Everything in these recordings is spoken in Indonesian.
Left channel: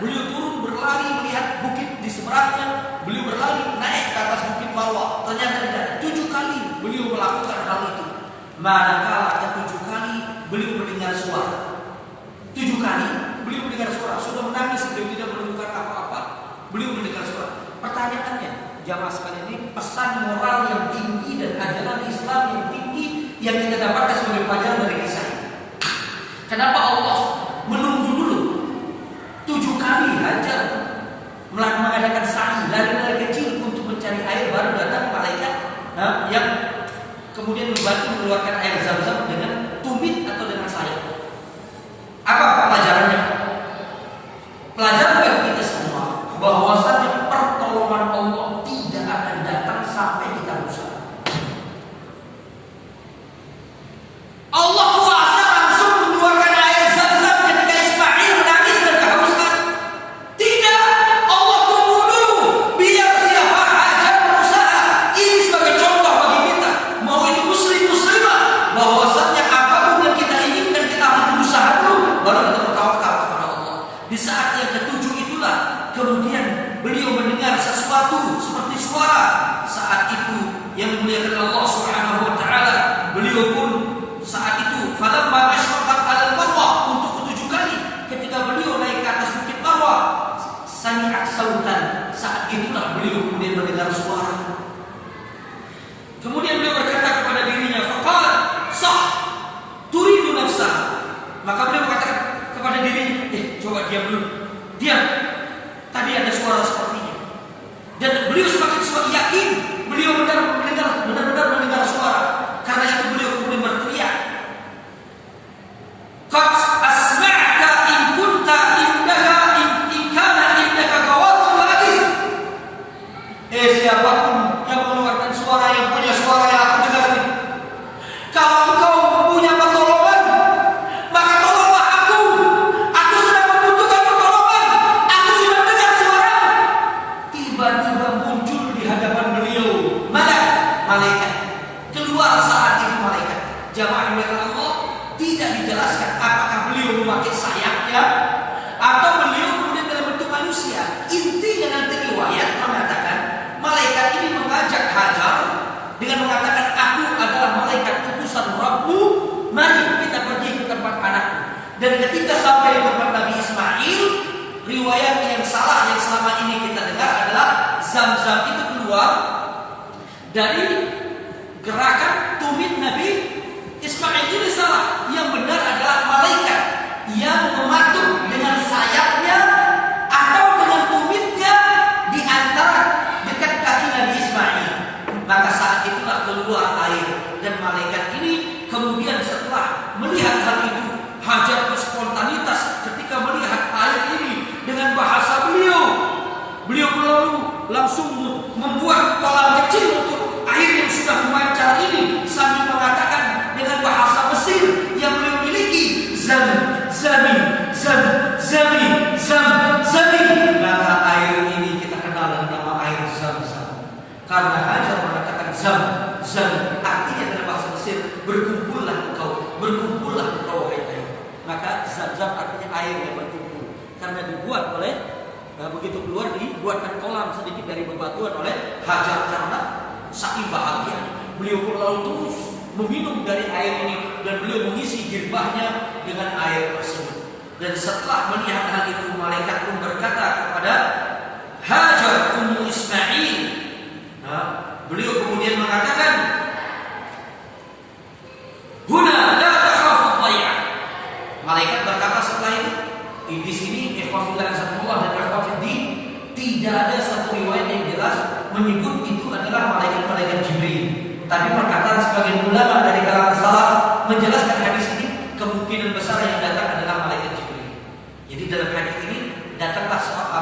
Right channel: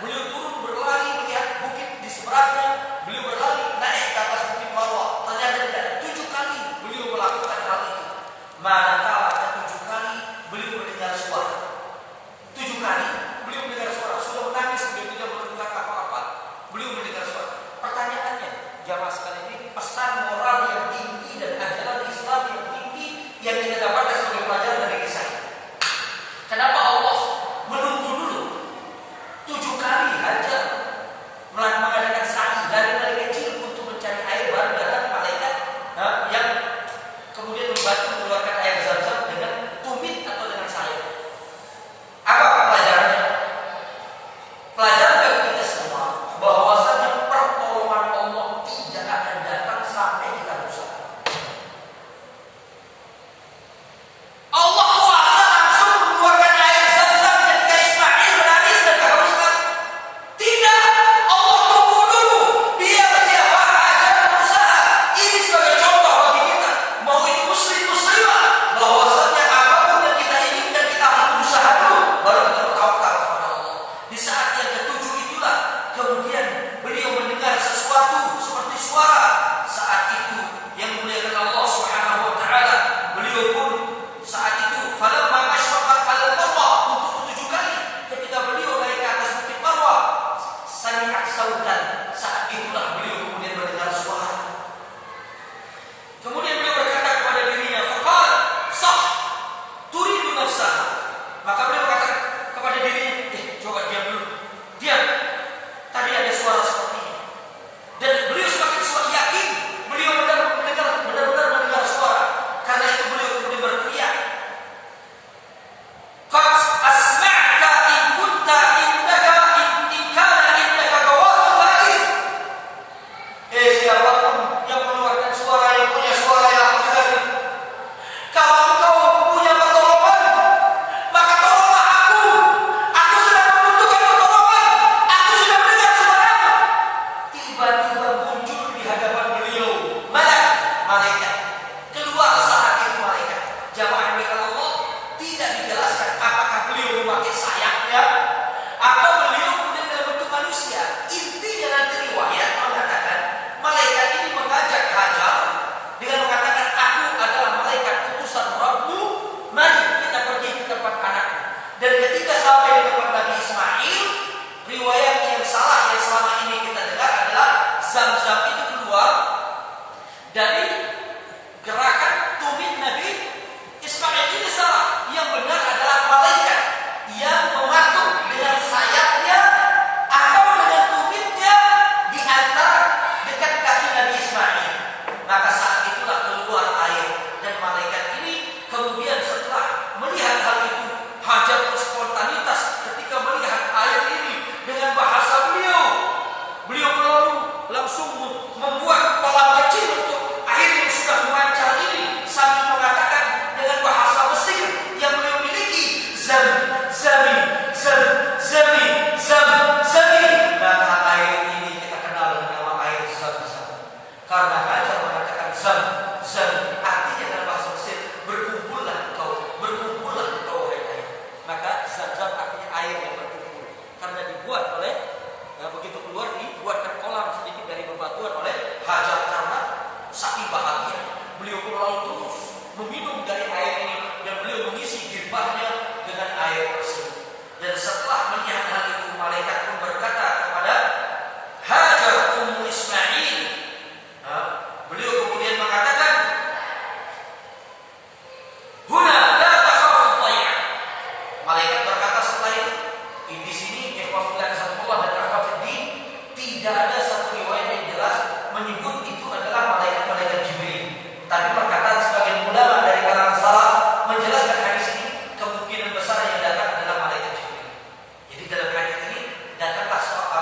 beliau turun berlari melihat bukit di seberangnya, beliau berlari naik ke atas bukit Marwah. Ternyata tidak ada. 7 kali beliau melakukan hal itu. Manakala 7 kali beliau mendengar suara. 7 kali beliau mendengar suara. Sudah menangis, beliau tidak menemukan apa-apa. Beliau mendengar suara. Pertanyaannya, jamaah sekalian, ini pesan moral yang tinggi dan ajaran Islam yang tinggi yang kita dapatkan sebagai pelajaran dari kisah ini. Kenapa Allah menunggu dulu 7 kali Hajar mengadakan sa'i dari mulai kecil untuk mencari air, baru datang malaikat yang kemudian membantu mengeluarkan air Zam-Zam dengan tumit atau dengan sayap. Apa pelajarannya? Pelajaran bagi kita semua bahwasanya pertolongan Allah tidak akan datang sampai kita berusaha. Allah kuasa langsung mengeluarkan air Zam-Zam ketika Ismail menangis dan kehausan. Tidak, Allah tunggu dulu biar siapa Hajar berusaha. Ini sebagai contoh bagi kita, mau ini muslimah, bahwasanya apapun yang kita inginkan kita harus berusaha dulu, baru kita bertawakal kepada Allah. Di saat yang ketujuh itulah kemudian beliau mendengar sesuatu seperti suara. Saat itu yang dimuliakan Allah Subhanahu wa taala, beliau pun saat itu falamma asyraqat 'alal Marwah, untuk ke-7 kali ketika beliau naik ke atas bukit Marwah, sami'at sautan. Saat itulah beliau kemudian mendengar suara. Kemudian beliau berkata kepada dirinya, faqala sah turidu nafsah. Maka beliau berkata kepada dirinya, coba diam dulu. Diam. Tadi ada suara sepertinya. Dan beliau semakin yakin beliau benar-benar mendengar suara. Karena itu beliau kemudian berteriak, qad asma'ta in kunta indaka in kana indaka qawatul hadis. Siapapun yang mengeluarkan suara, yang punya suara yang aku dengar ini, kalau engkau punya pertolongan, maka tolonglah aku. Aku sedang membutuhkan pertolongan. Aku sudah mendengar suara. Tiba-tiba muncul di hadapan beliau malaikat. Keluar saat itu malaikat. Jamaah yang Allah, tidak dijelaskan apakah beliau memakai sayapnya atau beliau kemudian dalam bentuk manusia. Intinya nanti riwayat mengatakan malaikat ini mengajak Hajar dengan mengatakan, aku adalah malaikat utusan Rabbmu, mari kita pergi ke tempat anakmu. Dan ketika sampai di tempat Nabi Ismail, riwayat yang salah yang selama ini kita dengar adalah Zam-Zam itu keluar dari gerakan tumit Nabi Ismail. Ini salah. Yang benar adalah malaikat yang mematuk dengan sayapnya atau dengan tumitnya di antara dekat kaki Nabi Ismail. Maka saat itulah keluar air. Dan malaikat ini kemudian setelah melihat hal itu, Hajar spontanitas ketika melihat air ini dengan bahasa beliau pun lalu langsung membuat kolam kecil untuk air yang sudah memancar ini, sambil mengatakan dengan bahasa Mesir yang beliau miliki, zam zami zam zami zam zami. Maka air ini kita kenal dengan nama air Zam-Zam. Karena Hajar mengatakan zam zam, artinya dalam bahasa Mesir, berkumpullah engkau wahai air. Maka Zam-Zam artinya air yang berkumpul. Karena dibuat oleh begitu keluar dibuatkan kolam sedikit dari bebatuan oleh Hajar. Karena saking bahagia, beliau pun lalu terus meminum dari air ini dan beliau mengisi girbahnya dengan air tersebut. Dan setelah melihat hal itu, malaikat pun berkata kepada Hajar ummu Ismail, beliau kemudian mengatakan, huna la takhafu dhai'ah. Malaikat berkata setelah itu, di sini ikhwafillah Allah dan akhwafiddi, tidak ada satu riwayat yang jelas menyebut itu adalah malaikat Jibril. Tapi perkataan sebagian ulama dari kalangan salaf menjelaskan hadis ini, kemungkinan besar yang datang adalah malaikat Jibril. Jadi dalam hadis ini datanglah satu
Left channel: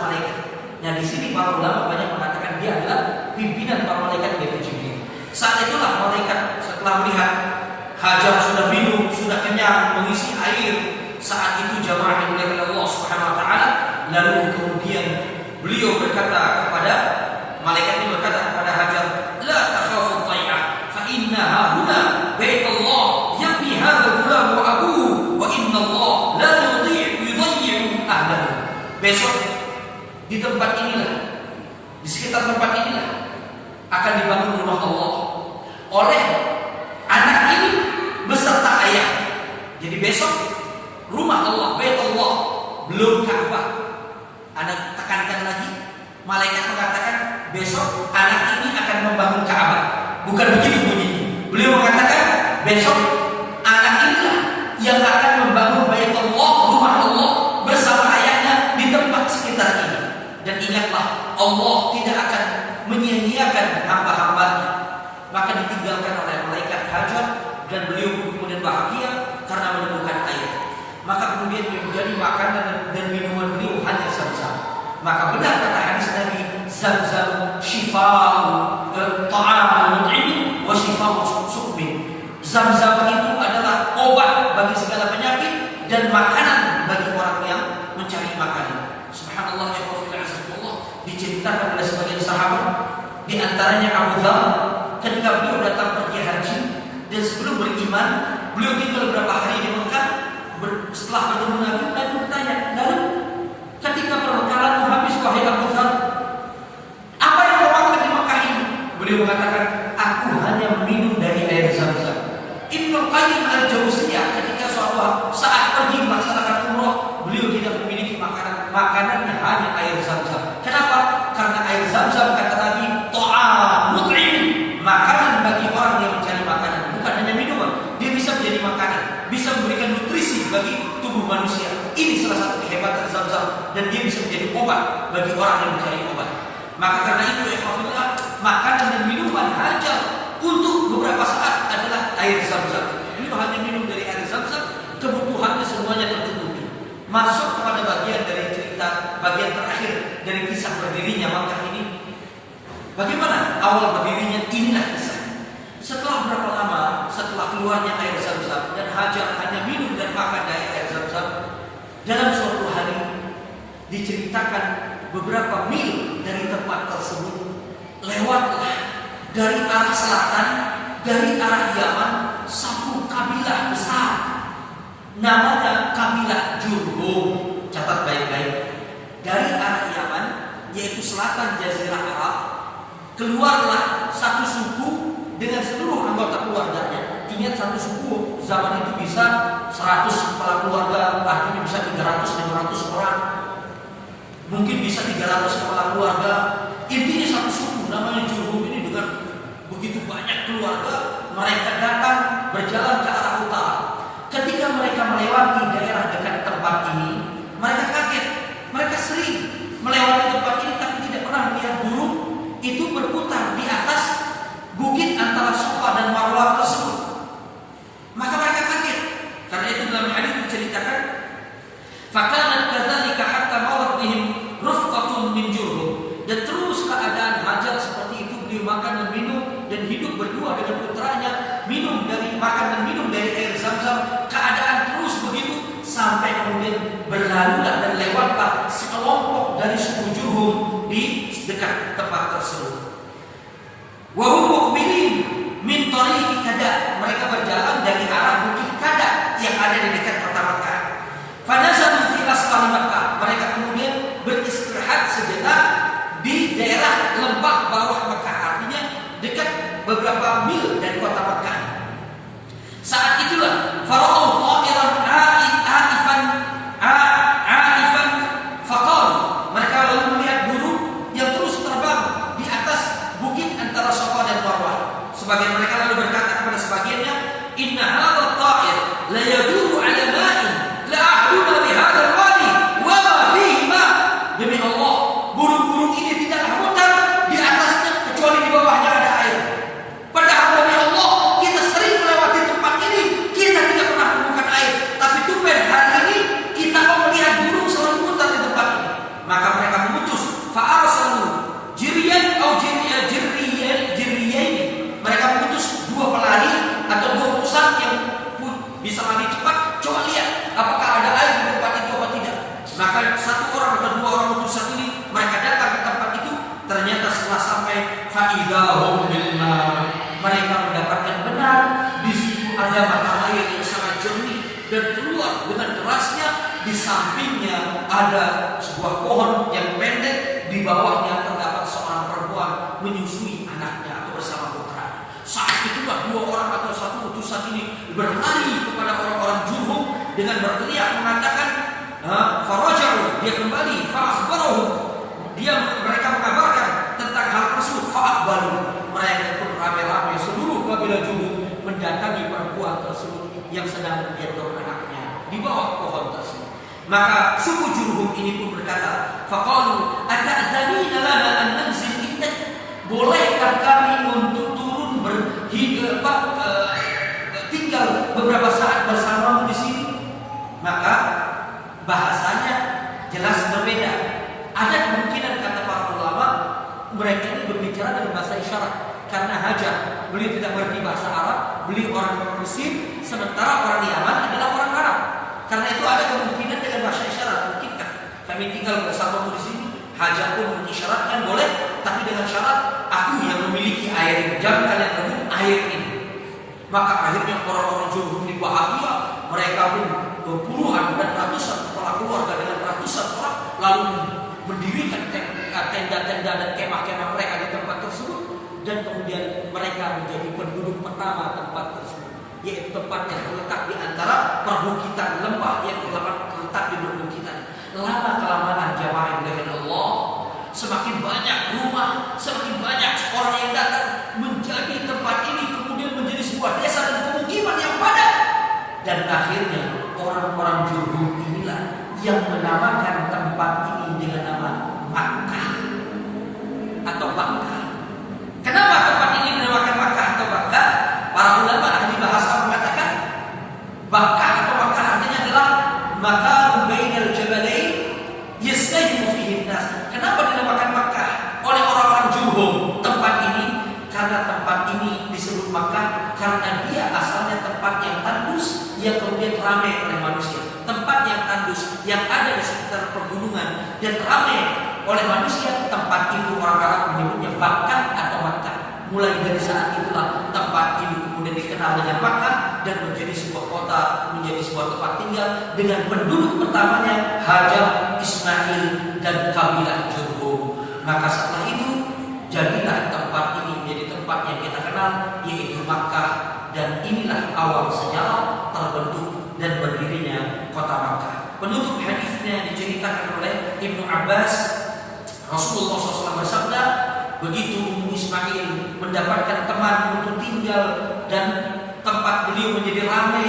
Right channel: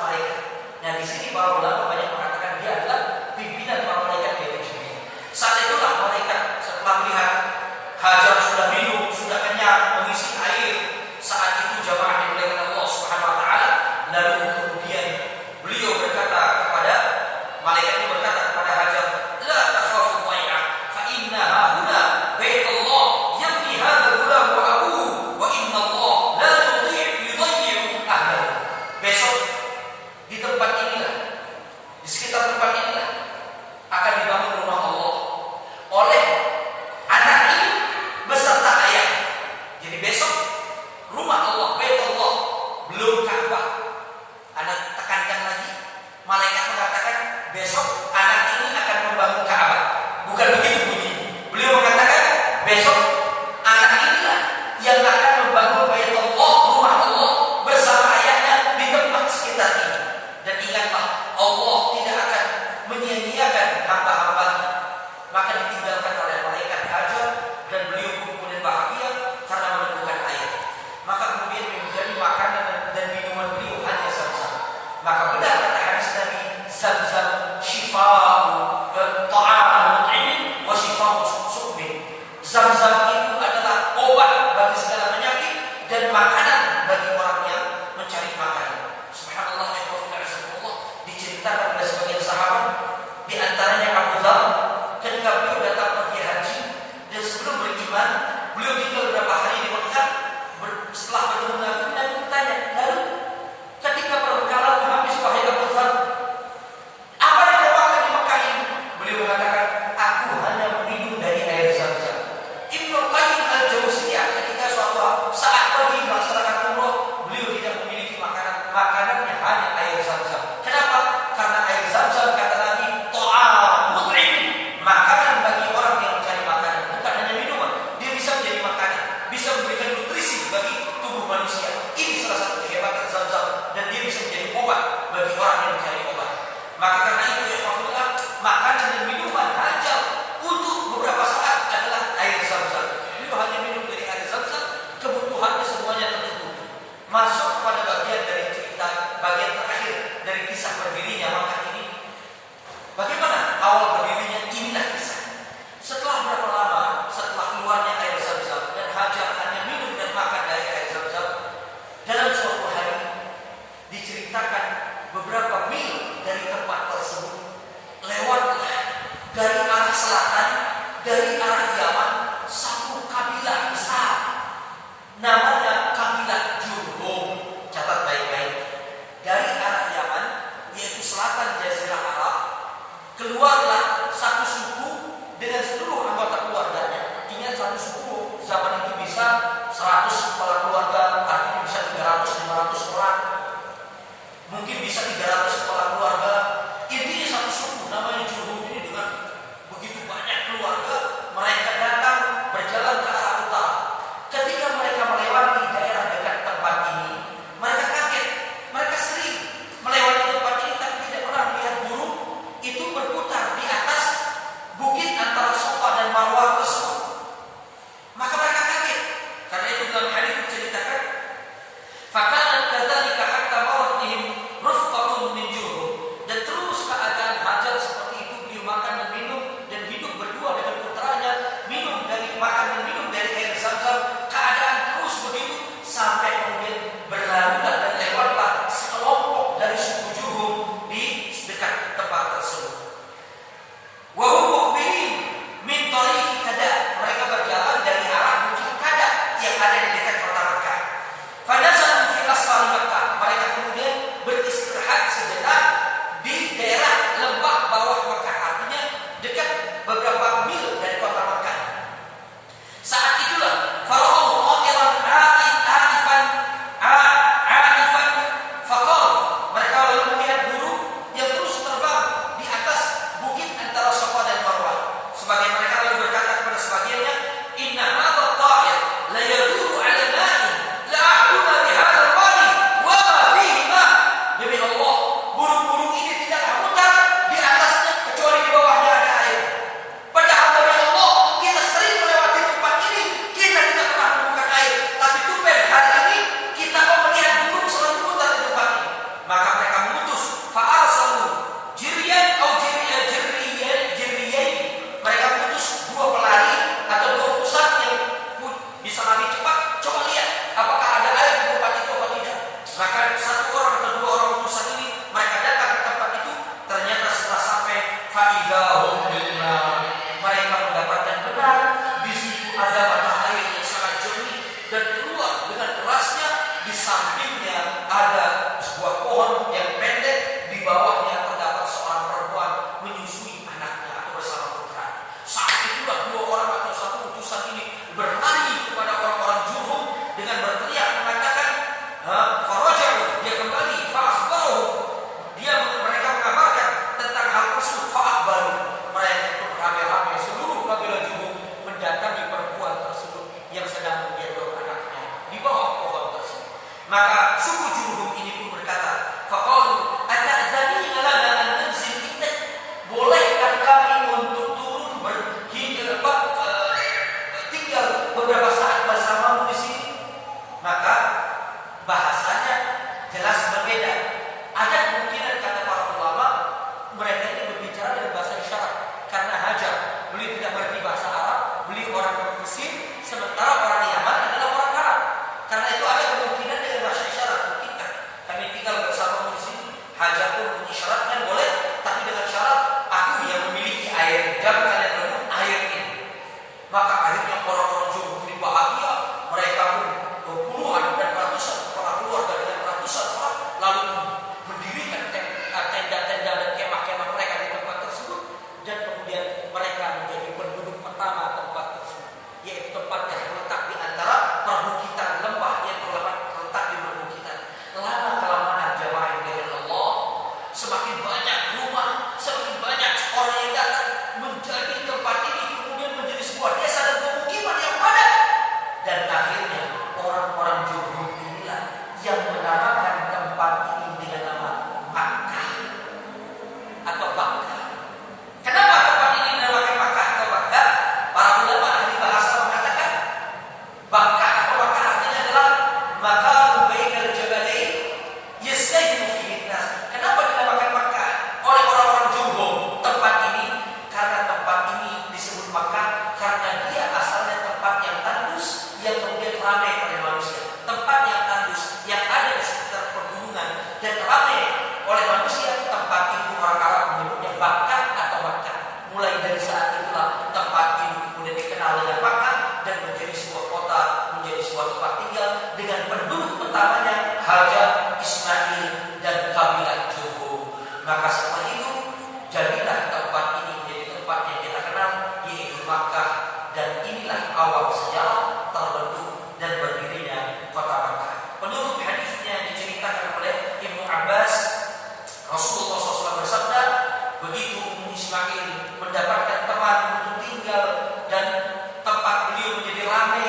malaikat. Nah di sini para ulama banyak mengatakan dia adalah pimpinan para malaikat yaitu Jibril. Saat itulah malaikat setelah melihat Hajar sudah minum, sudah kenyang, mengisi air. Saat itu jamaah yang dimuliakan Allah Subhanahu wa taala, lalu kemudian beliau berkata kepada malaikat, berkata kepada Hajar, la takhafu dhai'ah fa innaha huna baitullah yabni hadha al-ghulam wa besok di tempat inilah, di sekitar tempat inilah akan dibangun rumah Allah oleh anak ini beserta ayah. Jadi besok rumah Allah, Bait Allah, belum Ka'bah. Anda tekankan lagi, malaikat mengatakan besok anak ini akan membangun Ka'bah. Bukan begini. Beliau mengatakan besok anak inilah yang akan membangun Bait Allah, rumah Allah bersama ayahnya di tempat sekitar ini. Dan ingatlah, Allah tidak akan menyia-nyiakan hamba-hambanya. Maka ditinggalkan oleh malaikat Hajar dan beliau kemudian bahagia karena menemukan air. Maka kemudian menjadi makanan dan minuman beliau hanya Zam-Zam. Maka benar kata hadis Nabi, Zam-Zam syifa'u ta'amul ilmi wa syifa'u suqmin. Zam-Zam itu adalah obat bagi segala penyakit dan makanan bagi orang yang mencari makanan. Subhanallah, ya Allah, diceritakan oleh sebagian sahabat, di antaranya Abu Dzar, ketika beliau datang pergi haji dan sebelum beriman, beliau tinggal beberapa hari di Mekah. Setelah bertemu Nabi bertanya, lalu ketika perbekalan habis, wahai Abu Dzar, apa yang kau makan di Mekah ini? Beliau mengatakan, aku hanya meminum dari air Zam-Zam. Ibnu Qayyim al-Jauziyah ketika suatu saat pergi melaksanakan umrah, beliau tidak memiliki makanannya hanya air Zam-Zam. Kenapa? Karena air Zam-Zam, kata Nabi, ta'amul ilmi, makanan bagi orang yang mencari makanan, bukan hanya minuman. Dia bisa menjadi makanan, bisa memberikan nutrisi bagi tubuh manusia. Ini salah satu kehebatan Zam-Zam, dan dia bisa menjadi obat bagi orang yang mencari obat. Maka karena itu ya Alhamdulillah, makanan dan minuman Hajar untuk beberapa saat adalah air Zam-Zam. Beliau hanya minum dari air Zam-Zam, kebutuhannya semuanya tercukupi. Masuk kepada bagian dari cerita, bagian terakhir dari kisah berdirinya Makkah ini. Bagaimana awal berdirinya? Inilah kisah. Setelah berapa lama, setelah keluarnya air Zam-Zam dan Hajar hanya minum dan makan dari air Zam-Zam, dalam suatu hari diceritakan beberapa mil dari tempat tersebut lewatlah dari arah selatan, dari arah Yaman, satu kabilah besar namanya kabilah Jurhum. Catat baik-baik. Dari arah Yaman, yaitu selatan Jazirah Arab, keluarlah satu suku dengan seluruh anggota keluarganya. Ingat, satu suku zaman itu bisa 100 kepala keluarga, artinya bisa 300-500 orang. Mungkin bisa 300 kepala keluarga. Intinya satu suku namanya Jurhum ini dengan begitu banyak keluarga, mereka datang berjalan ke arah utara. Ketika mereka melewati daerah dekat tempat ini, mereka kaget. Mereka sering melewati tempat ini tapi tidak pernah melihat burung itu berputar di atas bukit antara Safa dan Marwah tersebut. Maka mereka kaget. Karena itu dalam hadis diceritakan, "Fakana kadzalika hatta marat bihim rufqatun min Jurhum." Dan terus keadaan Hajar seperti itu, beliau makan dan minum dan hidup berdua dengan putranya, minum dari makan dan minum dari air Zam-Zam. Keadaan terus begitu sampai kemudian berlalulah dan lewatlah sekelompok dari suku Jurhum di dekat tempat tersebut. Wa hum muqbilin min tariqi Kada. Mereka berjalan dari arah bukit Kada yang ada di dekat kota Makkah. Fanazalu fi asfali Makkah. Mereka kemudian beristirahat sejenak di daerah lembah bawah Makkah, artinya dekat beberapa mil dari kota Makkah. Saat itulah fara'u ta'iran a'ifan faqal. Mereka lalu melihat burung yang terus terbang di atas bukit antara Safa dan Marwah. Sebagian mereka lalu berkata kepada sebagiannya, "Inna hadha ta'ir la yaduru 'ala ma'in la ahduna bi hadha al-wadi wa ma fihi ma." Demi Allah, burung-burung ini tidaklah mutar di atasnya kecuali di bawahnya ada air. Padahal demi Allah, kita sering melewati tempat ini, kita tidak pernah menemukan air. Tapi tumben hari ini kita melihat burung selalu mutar di tempat ini. Maka mereka mengutus fa'arsalu jiriyan atau jiriyaini. Mereka mengutus dua pelari atau dua utusan yang bisa lari cepat. Coba lihat apakah ada air di tempat itu atau tidak. Maka satu orang atau dua orang utusan ini mereka datang ke tempat itu. Ternyata setelah sampai fa'idahum billah, mereka mendapatkan benar di situ ada mata air yang sangat jernih dan keluar dengan derasnya di samping akhirnya ada sebuah pohon yang pendek, di bawahnya terdapat seorang perempuan menyusui anaknya atau bersama putra. Saat itulah dua orang atau satu utusan ini berlari kepada orang-orang Jurhum dengan berteriak mengatakan, "Faraja'u," dia kembali, "Fa'akhbarahu," mereka mengabarkan tentang hal tersebut, "Fa'akhbaru," mereka pun rame-rame seluruh kabilah Jurhum mendatangi perempuan tersebut yang sedang menggendong anaknya di bawah pohon tersebut. Maka suku Jurhum ini pun berkata, "Faqalu ata'zanina lana an nanzil indak?" Bolehkah kami untuk turun tinggal beberapa saat bersamamu di sini? Maka bahasanya jelas berbeda. Ada kemungkinan kata para ulama mereka ini berbicara dengan bahasa isyarat karena Hajar beliau tidak mengerti bahasa Arab, beliau orang Mesir, sementara orang Yaman adalah orang Arab. Karena itu ada kemungkinan dengan bahasa isyarat. Mungkinkah kami tinggal bersamamu di sini? Hajar pun mengisyaratkan boleh, tapi dengan syarat aku yang memiliki air, jangan kalian rebut air ini. Maka akhirnya orang-orang Jurhum ini bahagia, mereka pun puluhan dan ratusan kepala keluarga dengan ratusan orang lalu mendirikan tenda-tenda dan kemah-kemah mereka di tempat tersebut, dan kemudian mereka menjadi penduduk pertama tempat tersebut, yaitu tempat yang terletak di antara perbukitan lembah yang terletak di perbukitan. Lama kelamaan jamaah dengan Allah, semakin banyak rumah, semakin banyak orang yang datang, menjadi tempat ini kemudian menjadi sebuah desa dan pemukiman yang padat. Dan akhirnya orang-orang Jurhum inilah yang menamakan tempat ini dengan nama Makkah atau Bakkah. Kenapa tempat ini dinamakan Makkah atau Bakkah? Para ulama ahli bahasa mengatakan Bakkah atau Makkah artinya adalah maqam bainal jabalain yastahimu fihi nas. Kenapa dinamakan Makkah oleh orang-orang Jurhum tempat ini? Karena tempat ini disebut Makkah karena dia asalnya tempat yang tandus yang kemudian ramai oleh manusia. Tempat yang tandus yang ada di sekitar pegunungan dan ramai oleh manusia, tempat itu orang Arab menyebutnya Bakkah atau Makkah. Mulai dari saat itulah tempat ini kemudian dikenal dengan Makkah dan menjadi sebuah kota, menjadi sebuah tempat tinggal dengan penduduk pertamanya Hajar, Ismail dan kabilah Jurhum. Maka setelah itu jadilah tempat ini menjadi tempat yang kita kenal, yaitu Makkah, dan inilah awal sejarah terbentuk dan berdirinya kota Makkah. Penutup hadisnya diceritakan oleh Ibnu Abbas, Rasulullah SAW bersabda, begitu Ummu Ismail mendapatkan teman untuk tinggal dan tempat beliau menjadi ramai,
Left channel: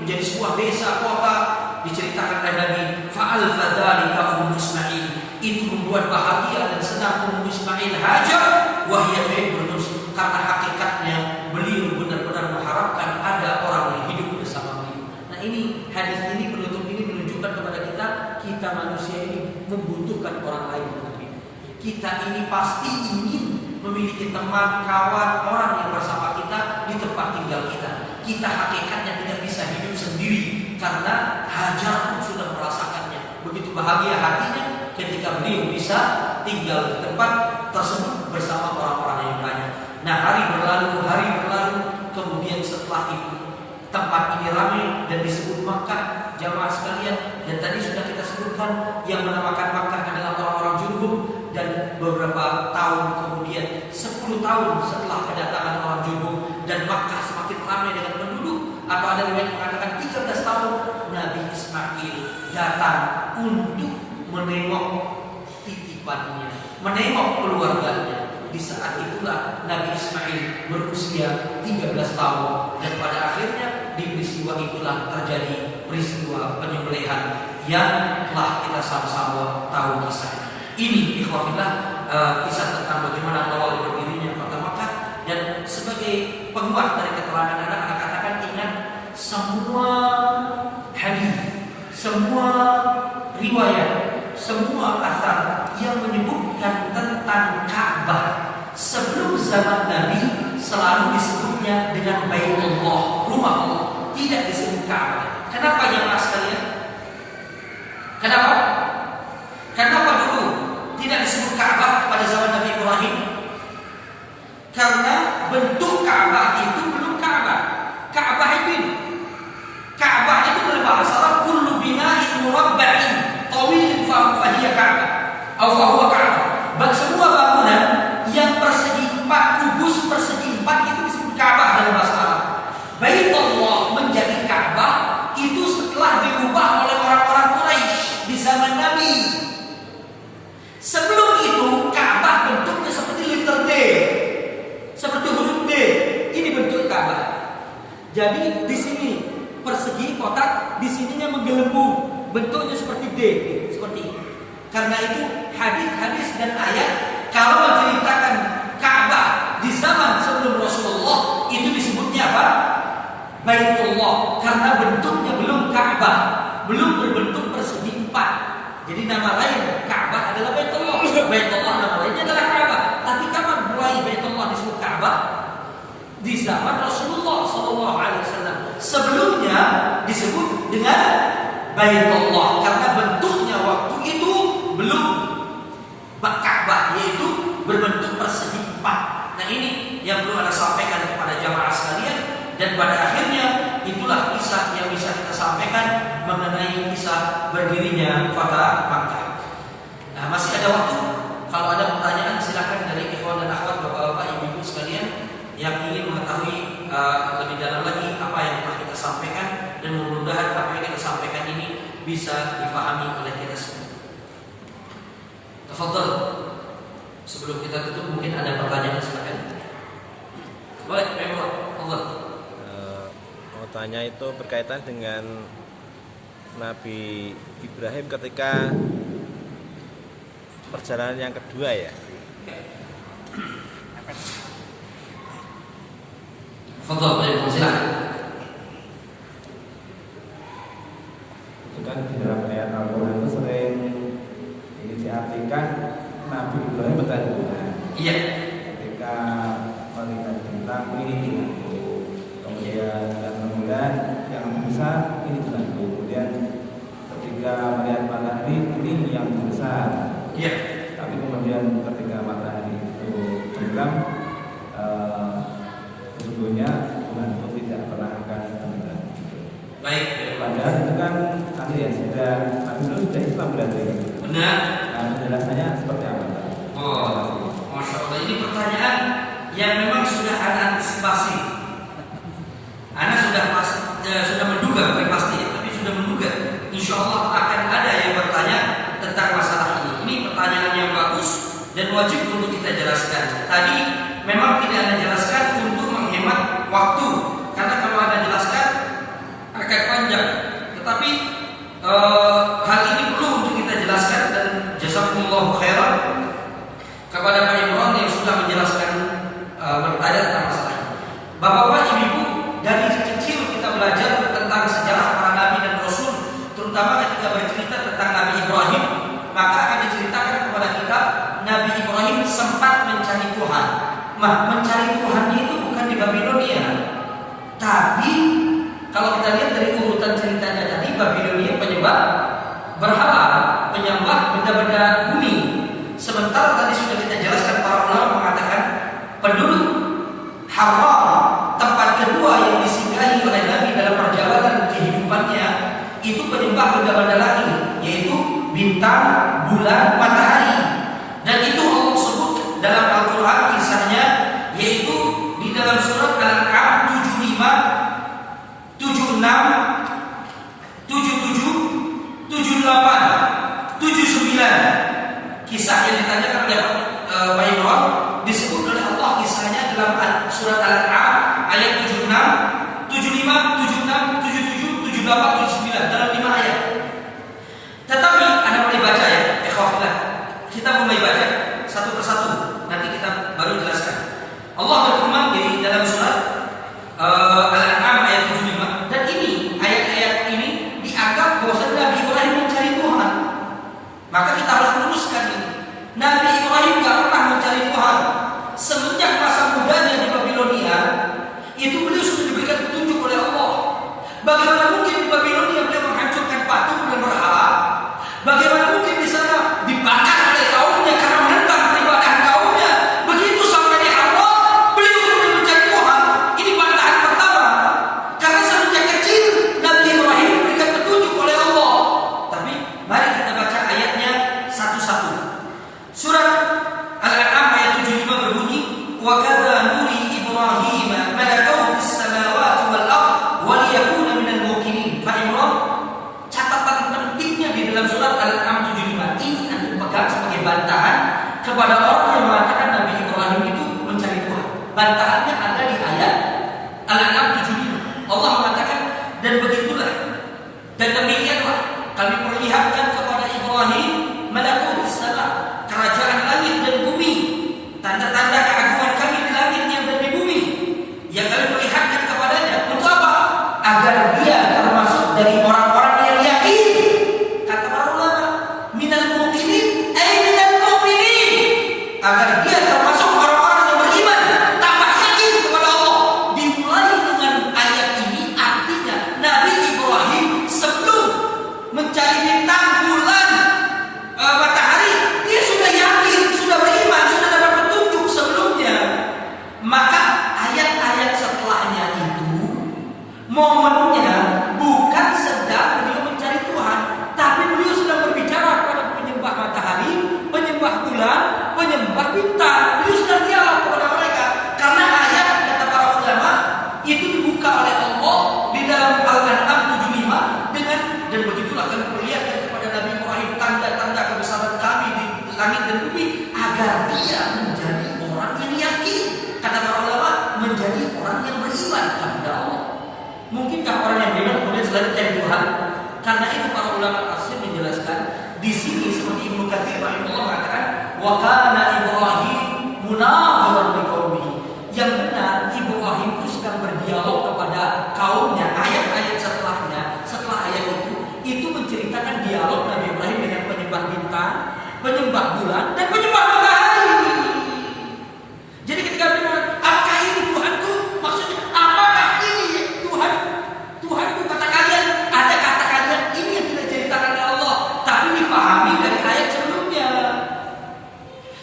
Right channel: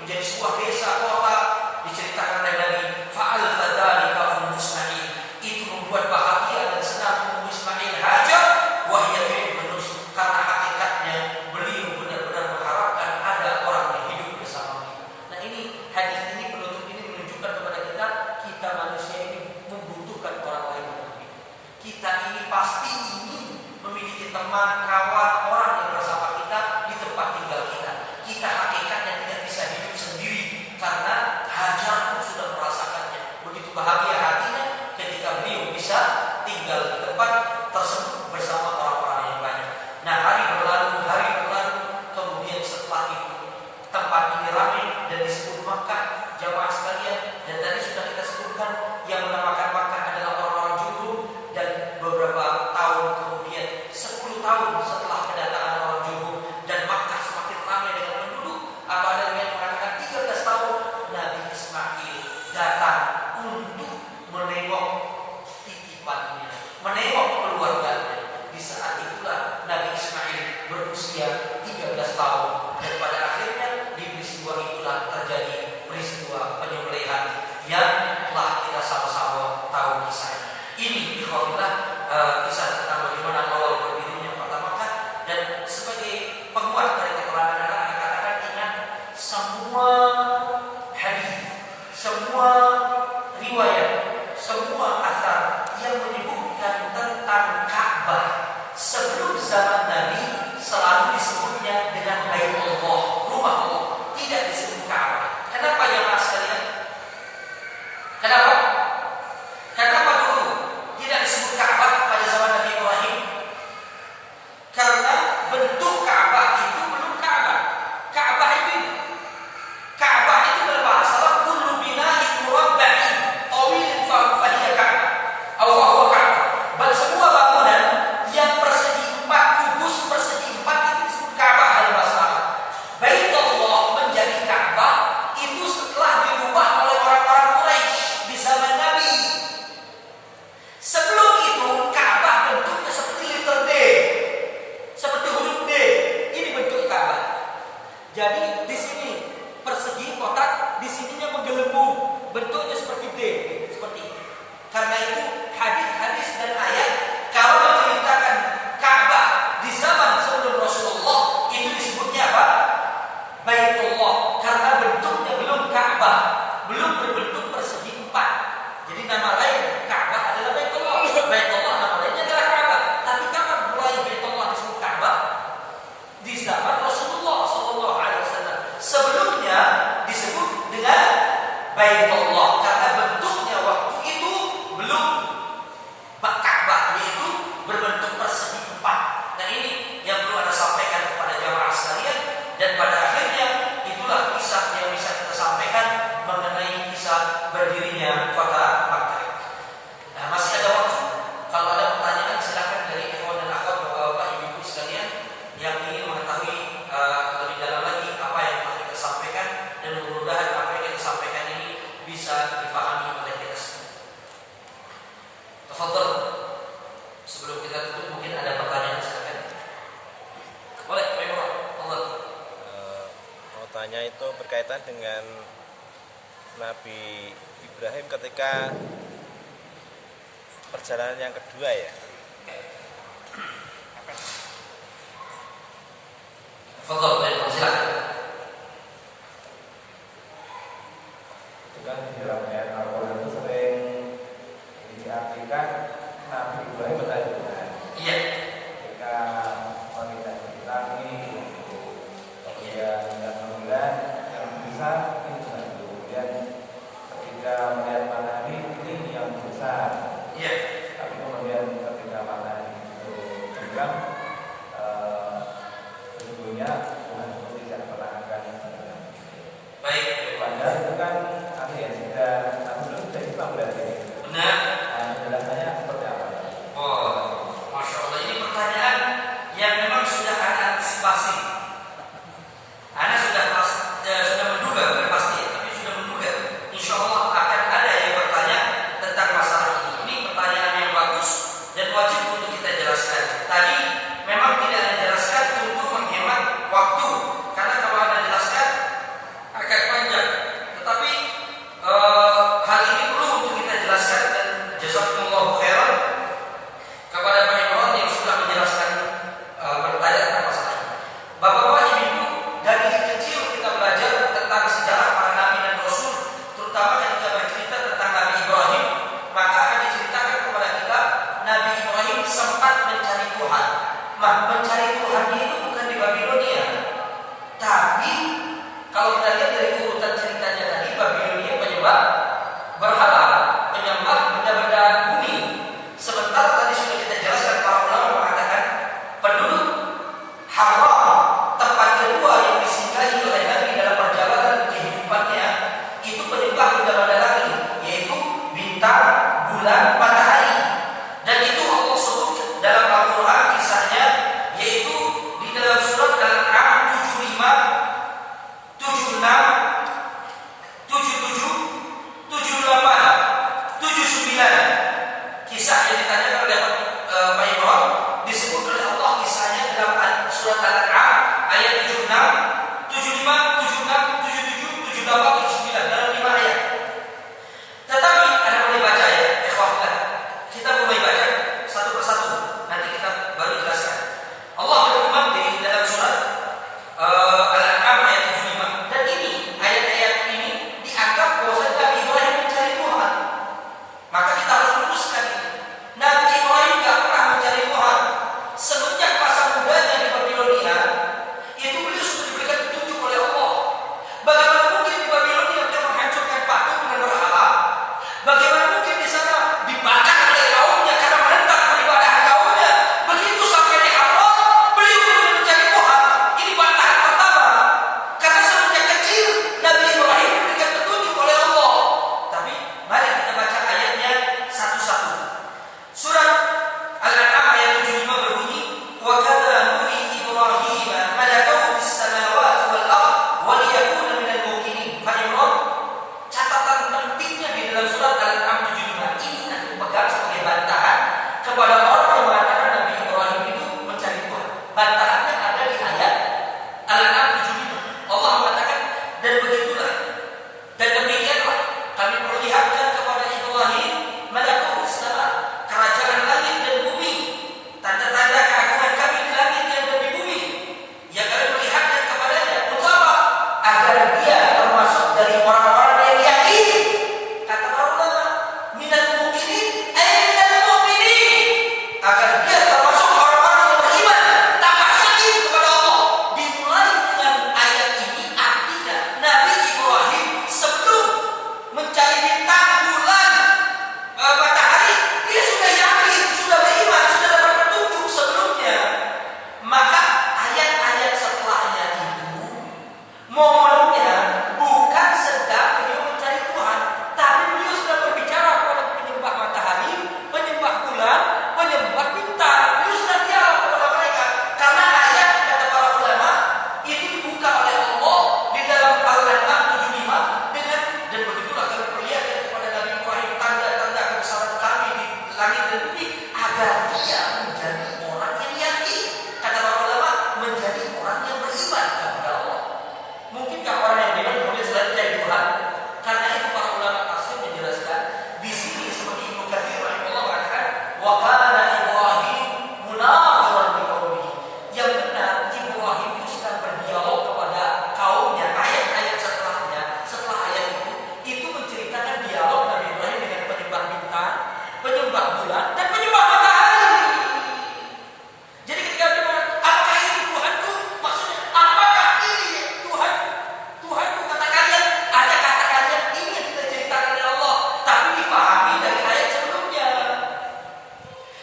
menjadi sebuah desa kota, diceritakan oleh Nabi, fa'al fadzalika Ummu Ismail, itu membuat bahagia dan senang Ummu Ismail Hajar wahya benar, karena hakikatnya beliau benar-benar mengharapkan ada orang yang hidup bersama beliau. Nah, ini hadis ini, penutup ini menunjukkan kepada kita manusia ini membutuhkan orang lain dalam hidup. Kita ini pasti ingin memiliki teman, kawan, orang yang bersama kita di tempat tinggal kita. Kita hakikatnya tidak bisa hidup sendiri karena Hajar pun sudah merasakannya. Begitu bahagia hatinya ketika beliau bisa tinggal di tempat tersebut bersama orang-orang yang banyak. Nah, hari berlalu, kemudian setelah itu tempat ini ramai dan disebut Makkah, jamaah sekalian. Dan tadi sudah kita sebutkan yang menamakan Makkah adalah orang-orang Jurhum. Dan beberapa tahun kemudian, 10 tahun setelah kedatangan orang Jurhum dan Makkah semakin ramai dengan penduduk, atau ada riwayat mengatakan 13 tahun, Nabi Ismail datang untuk menengok titipannya, menengok keluarganya. Di saat itulah Nabi Ismail berusia 13 tahun, dan pada akhirnya di peristiwa itulah terjadi peristiwa penyembelihan yang telah kita sama-sama tahu kisahnya. Ini ikhwafillah kisah tentang bagaimana awal berdirinya kota Makkah. Dan sebagai penguat dari keterangan anak katakan, ingat semua hadis, semua riwayat, semua asar yang menyebutkan tentang Ka'bah sebelum zaman Nabi selalu disebutnya dengan Baitullah, rumah Allah, tidak disebut Ka'bah. Kenapa jemaah sekalian? Kenapa? Kenapa dulu tidak disebut Ka'bah pada zaman Nabi Ibrahim? Karena bentuk Ka'bah itu belum Ka'bah. Ka'bah itu ini. Ka'bah itu dalam bahasa Arab kullu bina'in murabba'in, gede seperti itu. Karena itu hadis-hadis dan ayat kalau menceritakan Ka'bah di zaman sebelum Rasulullah itu disebutnya apa? Baitullah, karena bentuknya belum Ka'bah, belum berbentuk persegi empat. Jadi nama lain Ka'bah adalah Baitullah. Baitullah nama lainnya adalah Ka'bah. Tapi kapan mulai Baitullah disebut Ka'bah? Di zaman Rasulullah Sallallahu Alaihi Wasallam. Sebelumnya disebut dengan Baitullah karena bentuknya waktu itu belum Ka'bah, yaitu berbentuk persegi empat. Nah ini yang perlu Anda sampaikan kepada jamaah sekalian. Dan pada akhirnya itulah kisah yang bisa kita sampaikan mengenai kisah berdirinya kota Makkah. Nah masih ada waktu. Kalau ada pertanyaan silakan dari ikhwan dan akhwat, bapak-bapak, ibu-ibu sekalian yang ingin mengetahui lebih dalam lagi apa yang telah kita sampaikan, dan mudah-mudahan apa yang kita sampaikan ini bisa dipahami oleh kita semua. Tafadhol. Sebelum kita tutup mungkin ada pertanyaan, silakan. Boleh, Pak Imran. Tafadhol. Tanya itu berkaitan dengan Nabi Ibrahim ketika perjalanan yang kedua ya. Fadhol, silakan. Itu kan di dalam ayat Al-Quran itu sering diartikan Nabi Ibrahim bertanya Tuhan. Iya. Ketika menginap di langit, kemudian yang besar ini bukan, kemudian ketika melihat matahari ini yang besar. Iya. Tapi kemudian ketika matahari itu tenggelam, sesungguhnya Tuhan itu tidak pernah akan tenggelam. Baik. Padahal itu kan kami yang sudah Islam berarti. Benar. Nah, penjelasannya seperti apa? Oh, Masya Allah, ini pertanyaan yang memang sudah ada antisipasi. Anda sudah menduga, bukan pasti ya, tapi sudah menduga. Insya Allah akan ada yang bertanya tentang masalah ini. Ini pertanyaan yang bagus dan wajib untuk kita jelaskan. Tadi memang tidak Anda jelaskan untuk menghemat waktu, karena kalau Anda jelaskan akan panjang. Tetapi hal ini perlu untuk kita jelaskan, dan jazakumullahu khairan kepada Pak Imran yang sudah menjelaskan bertanya tentang masalah ini. Bapak-bapak, ibu-ibu, dari kecil kita belajar tentang sejarah para nabi dan rasul, terutama ketika bercerita tentang Nabi Ibrahim, maka akan diceritakan kepada kita Nabi Ibrahim sempat mencari Tuhan. Nah, mencari Tuhannya itu bukan di Babilonia, tapi kalau kita lihat dari urutan ceritanya tadi, Babilonia penyembah berhala, penyembah benda-benda bumi. Sementara tadi sudah kita jelaskan, para ulama mengatakan penduduk Haram, tempat kedua yang disinggahi oleh Nabi dalam perjalanan kehidupannya, itu penyembah benda-benda langit, yaitu bintang, bulan, matahari. Dan itu Allah sebut dalam Al-Quran kisahnya, yaitu di dalam surat Al-An'am 75, 76, 77, 78, 79. Kisah yang ditanyakan oleh Pak Imran disebut oleh Allah kisahnya dalam surat Al-An'am ayat 76, 75, 76, 77, 78, 79, dalam 5 ayat. Tetapi Anda mulai baca ya, ikhwaflah. Kita mulai baca satu persatu, nanti kita baru jelaskan. Allah berfirman di dalam surat Al-An'am ayat 75. Dan ini ayat-ayat ini dianggap bahwa Nabi Ibrahim mencari Tuhan. Maka kita harus luruskan ini. Nabi Ibrahim tidak pernah mencari Tuhan. Semenjak masa mudanya di Babilonia, itu beliau sudah diberikan petunjuk oleh Allah. Bagaimana mungkin di Babilonia beliau menghancurkan patung dan berhala? Bagaimana mungkin di sana dibakar oleh kaumnya karena menentang peribadahan kaumnya? Begitu sampai di Allah, beliau sudah mencari Tuhan. Ini bantahan pertama. Karena semenjak kecil Nabi Ibrahim diberikan petunjuk oleh Allah. Tapi mari kita baca ayatnya satu-satu. Surat Al-An'am ayat 75 berbunyi, wa kadza nuri Ibrahim malakut as-samawati wal ard wa liyakuna minal muqinin. Pak Imran, catatan pentingnya di dalam surat Al-An'am 75 ini akan dipegang sebagai bantahan kepada orang yang mengatakan Nabi Ibrahim itu mencari Tuhan. Bantahannya ada di ayat Al-An'am 75. Allah mengatakan, dan begitulah dan demikianlah kami perlihatkan agar dia menjadi orang yang yakin. Kata para ulama, menjadi orang yang beriman kepada Allah. Mungkinkah orang yang beriman kemudian selain mencari Tuhan? Karena itu para ulama tafsir menjelaskan di sini seperti Ibnu Katsir rahimahullah mengatakan, wa kana Ibrahim munadhiran liqaumihi. Yang benar Ibrahim itu sedang berdialog kepada kaumnya. Ayat-ayat setelahnya, setelah ayat itu menceritakan dialog Nabi Ibrahim dengan penyembah bintang, penyembah bulan, dan penyembah matahari. Jadi ketika dia mengatakan, apakah ini Tuhanku? Maksudnya, apakah ini Tuhan? Tuhanku, kata kalian, ada kata kalian ini yang tidak diceritakan oleh Allah, tapi dipahami dari ayat sebelumnya.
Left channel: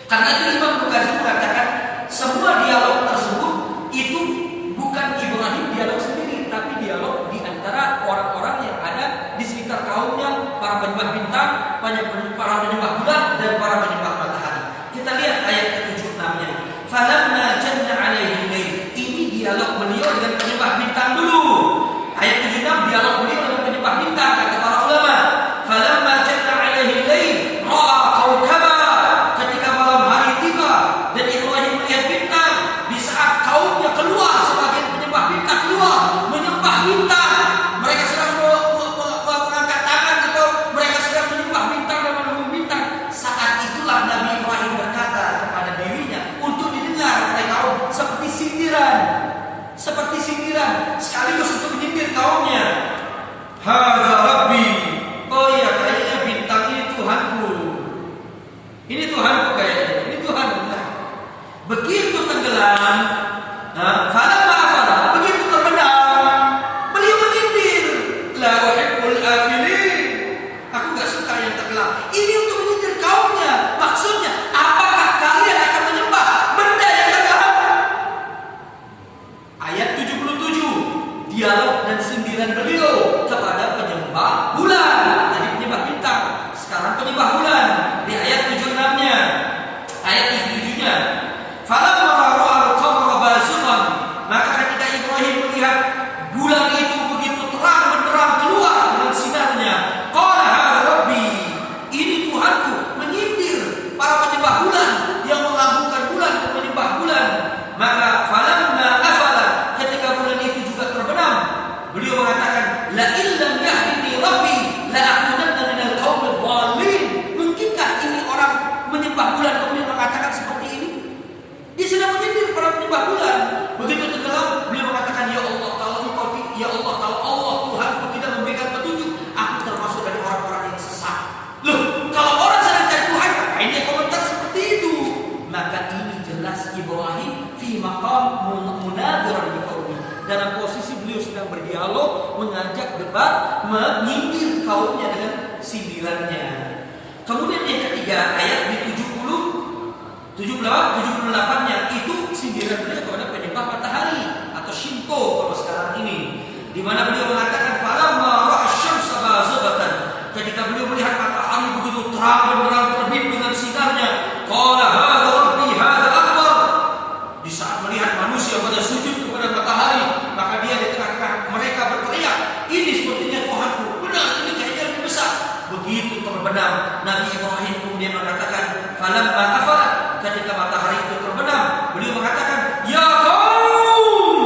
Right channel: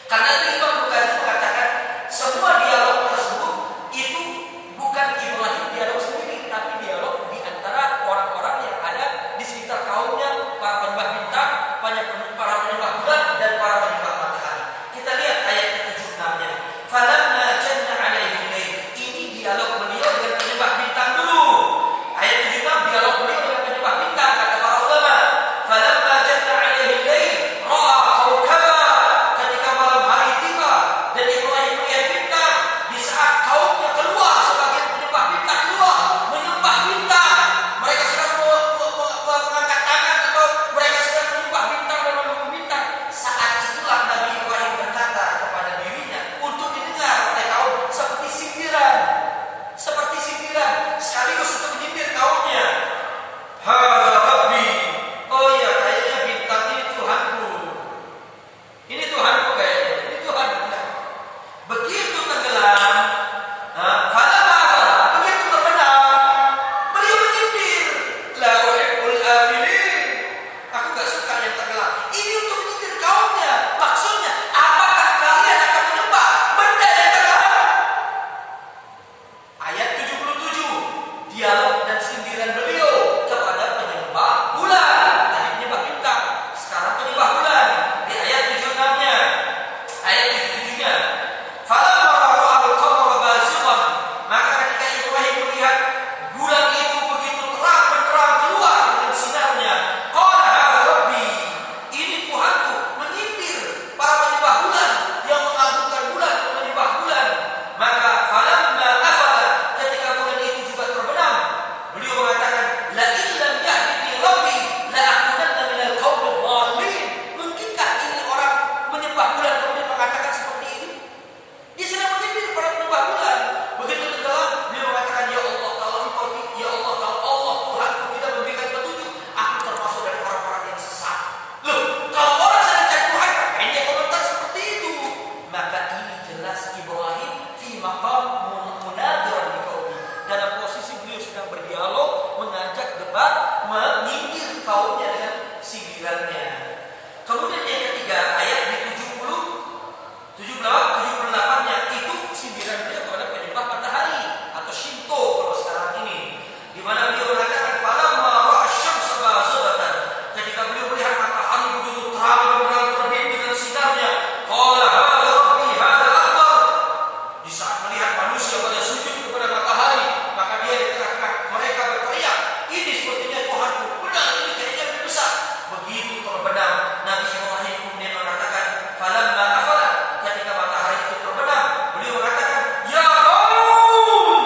Karena itu Imam Bukhari mengatakan semua dialog tersebut itu bukan Ibrahim dialog sendiri, tapi dialog di antara orang-orang yang ada di sekitar kaumnya, para penyembah bintang, para penyembah bulan, dan para penyembah matahari. Kita lihat ayat ke-76-nya. Falamma janna alaihi lail. Ini dialog beliau dengan penyembah bintang dulu. Ayat 76 dialog beliau dengan penyembah bintang, kata para ulama. Falamma janna alaihi lail ra'a kaukaba. Ketika malam hari tiba dan Ibrahim melihat bintang, di saat kaumnya keluar, sebagian penyembah bintang keluar menyembah bintang, mereka sedang mengangkat tangan atau mereka sedang menyembah bintang dan memenuhi bintang. Saat itulah Nabi Ibrahim berkata kepada dirinya untuk didengar oleh kaum seperti sindiran sekaligus untuk menyindir kaumnya. Hadza Rabbi. Oh iya, kayaknya bintang ini Tuhanku. Ini Tuhanku kayaknya. Ini Tuhan benar. Begitu tenggelam, begitu terbenam, beliau menyindir. La uhibbul afilin. Aku gak suka yang tenggelam. Ini untuk menyindir kaumnya. Maksudnya, apakah kalian akan menyembah benda yang tenggelam? Ayat 77, dialog dan sindiran beliau kepada penyembah bulan. Tadi penyembah bintang, sekarang penyembah bulan. Di ayat 76-nya, ayat 77-nya. Falamma ra'al qamara bazighan, maka ketika Ibrahim melihat bulan itu begitu terang benderang keluar dengan sinarnya, qala hadza rabbi. Ini Tuhanku, menyindir para penyembah bulan yang mengagungkan bulan, penyembah bulan. Maka falamma afala, ketika bulan itu juga terbenam, beliau mengatakan, la illam yahdini rabbi la akunanna minal qaumil dhalin. Mungkinkah ini orang menyembah bulan kemudian mengatakan seperti ini? Dia sedang menyindir para penyembah bulan. Begitu tenggelam, beliau mengatakan, ya Allah, kalau Allah Tuhanku tidak memberikan petunjuk, aku termasuk dari orang-orang yang sesat. Loh, kalau orang sedang cari Tuhan, ngapain dia komentar seperti itu? Maka ini jelas Ibrahim fi maqam munadhiran liqaumi. Dalam posisi beliau sedang berdialog, mengajak debat, menyindir kaumnya dengan sindirannya. Kemudian yang ketiga, ayat di 78-nya itu sindiran beliau kepada penyembah matahari atau Shinto kalau sekarang ini, di mana beliau mengatakan falamma ra'a asy-syamsa bazighatan, ketika beliau melihat matahari begitu terang benderang terbit dengan sinarnya, qala hadza rabbi hadza akbar. Di saat melihat manusia pada sujud kepada matahari, maka dia di tengah-tengah mereka berteriak, ini sepertinya Tuhanku, benar, ini kayaknya lebih besar. Begitu terbenam, Nabi Ibrahim kemudian mengatakan falamma afala, ketika matahari itu terbenam, beliau mengatakan, ya kaum.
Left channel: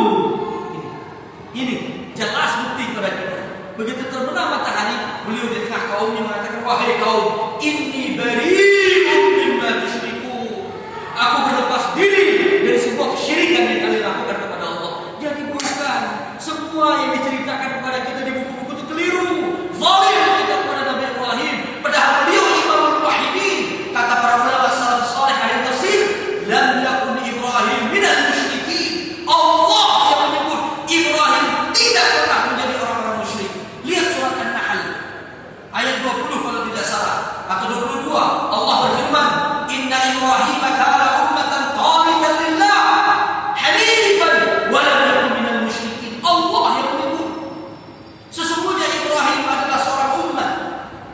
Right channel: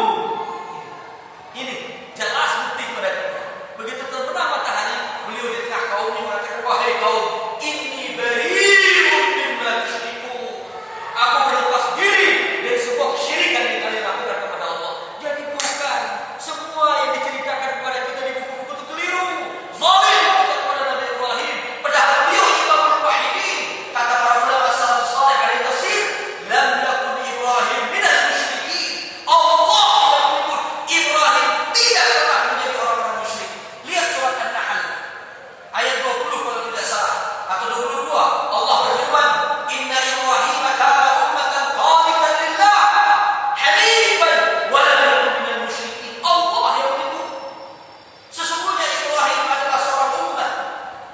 Ini jelas bukti kepada kita. Begitu terbenam matahari, beliau di tengah kaumnya mengatakan, wahai kaum, inni bari'un mimma tusyrikun. Aku berlepas diri dari sebuah kesyirikan yang kalian lakukan kepada Allah. Jadi bukan semua yang diceritakan kepada kita di buku-buku itu keliru. Zalim kita kepada Nabi Ibrahim. Padahal beliau imamul muwahhidin. Kata para ulama salafus saleh ahli tafsir, lam yakun Ibrahim minal musyrikin. Allah yang menyebut Ibrahim tidak pernah menjadi orang-orang musyrik. Lihat surat An-Nahl ayat 20 kalau tidak salah atau 22. Allah berfirman, inna Ibrahim kana ummatan qanitan lillah hanifan wa lam yakun minal musyrikin. Allah yang menyebut sesungguhnya Ibrahim adalah seorang umat,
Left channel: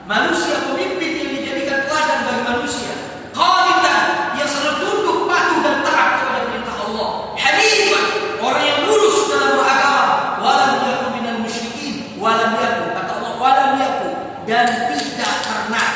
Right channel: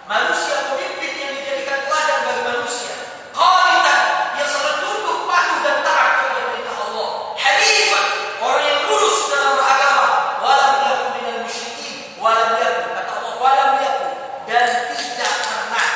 manusia pemimpin yang dijadikan teladan bagi manusia, qanitan, yang selalu tunduk patuh dan taat kepada perintah Allah, hanifan, orang yang lurus dalam beragama, wa lam yakun minal musyrikin, wa lam yakun, kata Allah, wa lam yakun, dan tidak pernah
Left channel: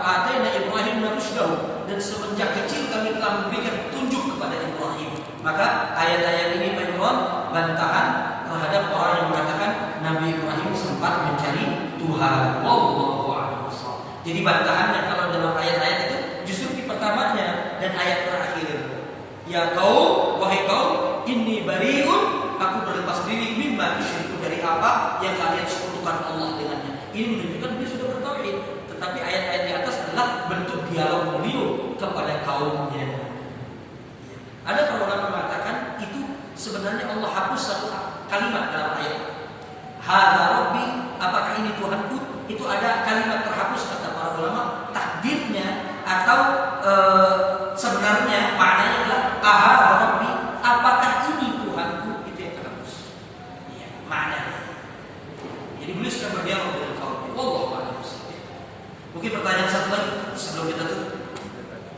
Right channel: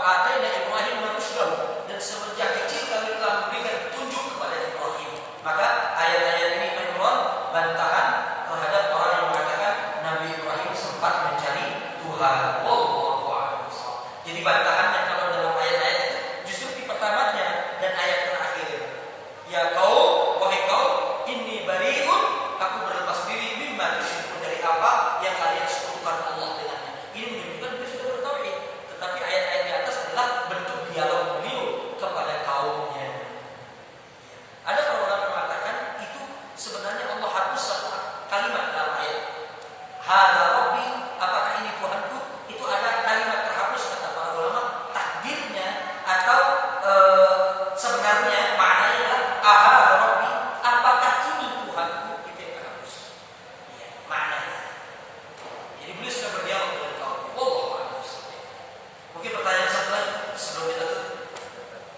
atayna Ibrahim rusydahu, dan semenjak kecil kami telah memberikan petunjuk kepada Ibrahim. Maka ayat-ayat ini Pak Imran bantahan terhadap orang yang mengatakan Nabi Ibrahim sempat mencari Tuhan. Wallahu a'lam. Jadi bantahannya kalau dalam ayat-ayat itu justru di pertamanya dan ayat terakhir. Ya kaum, wahai kaum, inni bari'un, aku berlepas diri mimma tusyriku, dari apa yang kalian sekutukan Allah dengannya. Ini menunjukkan dia sudah bertauhid. Tetapi ayat-ayat di atas adalah bentuk dialog beliau kepada kaumnya. Ada para ulama mengatakan itu sebenarnya Allah hapus satu kalimat dalam ayat. Hadza Rabbi, apakah ini Tuhanku? Itu ada kalimat terhapus kata para ulama. Takdirnya atau sebenarnya maknanya adalah hadza Rabbi, apakah ini Tuhanku? Itu yang terhapus. Ya, maknanya. Jadi beliau sudah berdialog dengan kaum. Wallahu a'lam. Mungkin pertanyaan satu lagi sebelum kita tutup.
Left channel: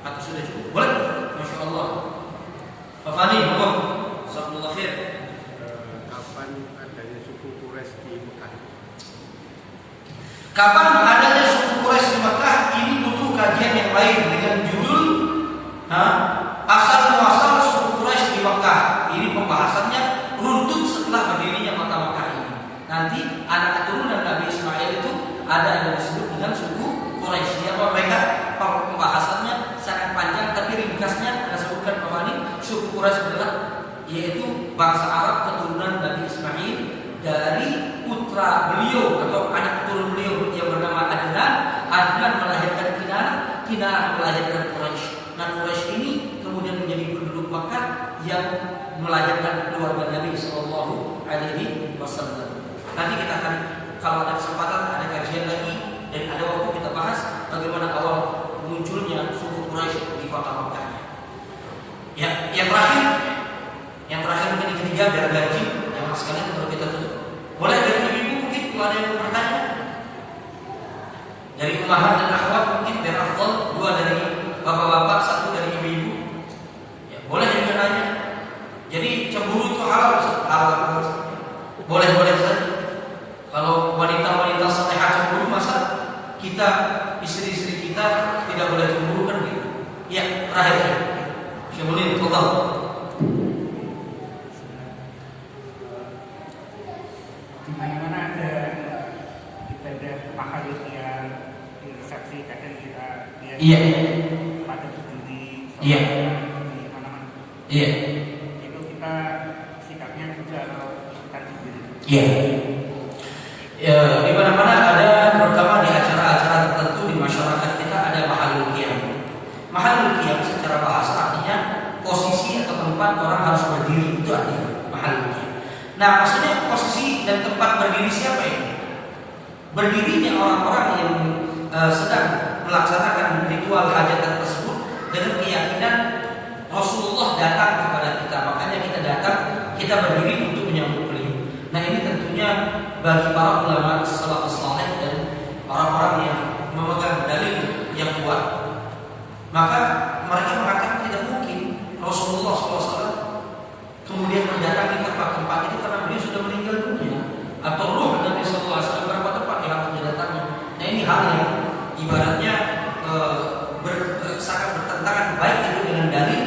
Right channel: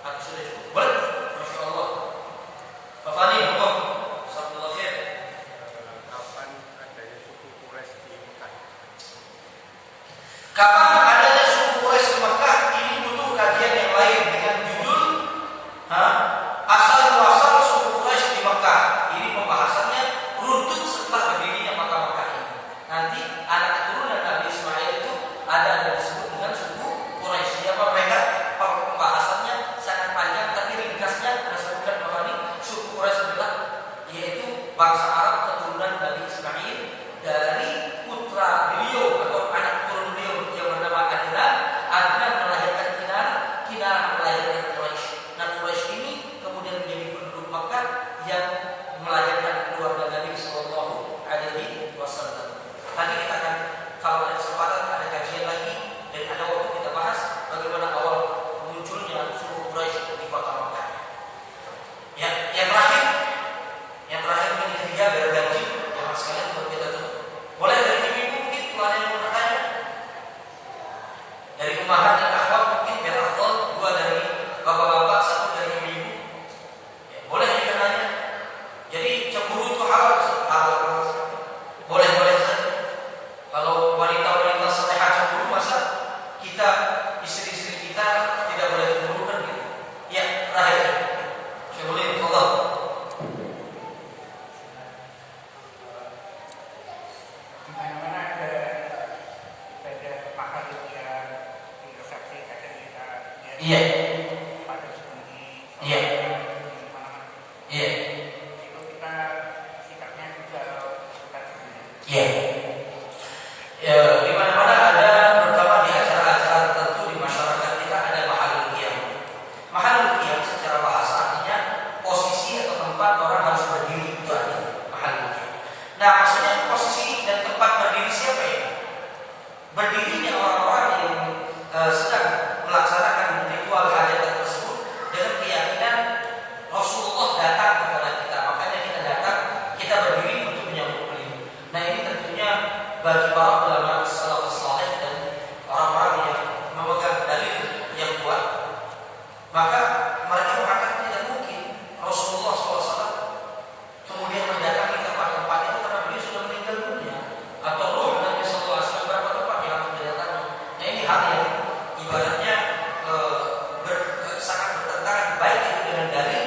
Atau sudah cukup? Boleh? Masya Allah. Pak Fani, hukum. Assalamualaikum khair. Kapan adanya suku Quraisy di Mekah? Kapan adanya suku Quraisy di Mekah? Ini butuh kajian yang lain dengan judul asal muasal suku Quraisy di Mekah. Ini pembahasannya runtut setelah berdirinya Mekah ini. Nanti anak keturunan Nabi Ismail itu ada yang disebut dengan suku Quraisy. Apa mereka? Pembahasannya sangat panjang, tapi ringkasnya saya sebutkan bahwa ini suku Quraisy adalah yaitu bangsa Arab keturunan Nabi Ismail dari putra beliau atau anak keturunan beliau yang bernama Adnan. Adnan melahirkan Kinanah, Kinanah melahirkan Quraisy. Nah Quraisy ini kemudian menjadi penduduk Makkah yang melahirkan keluarga Nabi Sallallahu Alaihi Wasallam. Nanti kita akan kalau ada kesempatan ada kajian lagi dan ada waktu kita bahas bagaimana awal munculnya suku Quraisy di kota Makkah. Ya, yang terakhir mungkin ketiga biar gaji yang sekalian untuk kita tutup. Boleh dari ibu mungkin kalau ada yang mau bertanya. Dari ummahat dan akhwat mungkin biar afdal, dua dari bapak-bapak, satu dari ibu-ibu. Ya, boleh juga nanya. Jadi cemburu itu halal, halal. Boleh saja. Kalau wanita-wanita salehah cemburu, masa kita istri-istri kita tidak boleh cemburu kan gitu? Ya, terakhir. Syaikhulin, tolong. Di mana-mana ada ibadah mahal yang intersepsi, kadang kita Iya. pada berhenti. Iya. Iya. Itu kita sikapnya juga kita Iya. Ya, di mana-mana ada, terutama di acara-acara tertentu di masyarakat kita ada mahalul qiyam. Mahalul qiyam secara bahasa artinya posisi atau tempat orang harus berdiri, itu artinya mahalul qiyam. Nah, maksudnya posisi dan tempat berdiri siapa ini? Berdirinya orang-orang yang sedang melaksanakan ritual hajatan tersebut dengan keyakinan Rasulullah datang kepada kita, makanya kita datang, kita berdiri untuk menyambut beliau. Nah, ini tentunya bagi para ulama salafus saleh dan orang-orang yang memegang dalil yang kuat, maka mereka mengatakan tidak mungkin Rasulullah SAW kemudian mendatangi tempat-tempat itu karena beliau sudah meninggal dunia, atau ruh Nabi SAW berapa tempat yang harus didatangi. Nah, ini hal yang ibaratnya sangat bertentangan, baik itu dengan dalil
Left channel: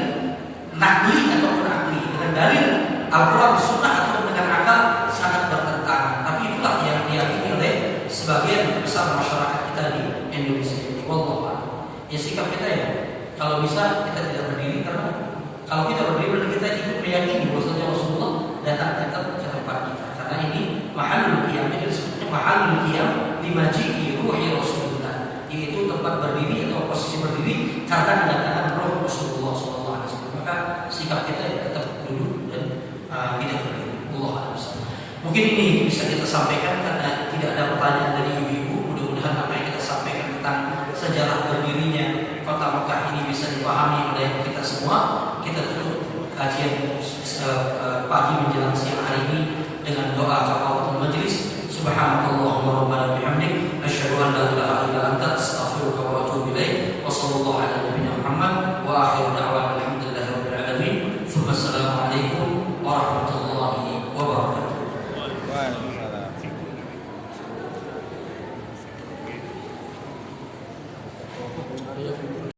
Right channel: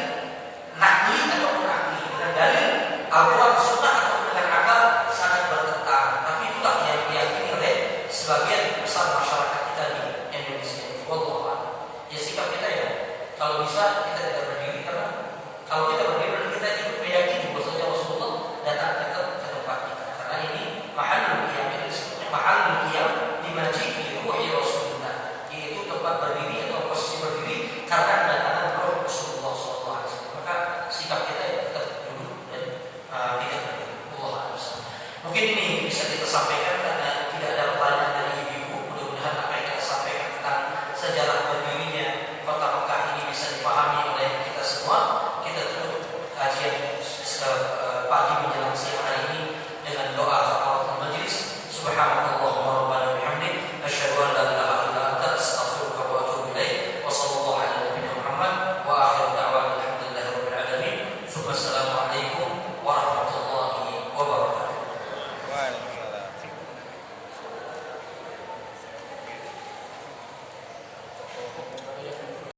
nakli ataupun akli, dengan dalil Al-Quran Sunnah atau dengan akal, sangat bertentangan. Tapi itulah yang diyakini oleh sebagian besar masyarakat kita di Indonesia. Wallah, ya sikap kita ya, kalau bisa kita tidak berdiri, karena kalau kita berdiri kita ikut meyakini bahwasanya Rasulullah datang ke tempat kita. Karena ini mahalul qiyam, ini disebutnya mahalul qiyam di maji'i ruhi Rasulullah, yaitu tempat berdiri atau posisi berdiri karena kedatangan roh Rasulullah SAW. Maka sikap kita ya tetap duduk dan tidak berdiri. Allah. Mungkin ini bisa kita sampaikan.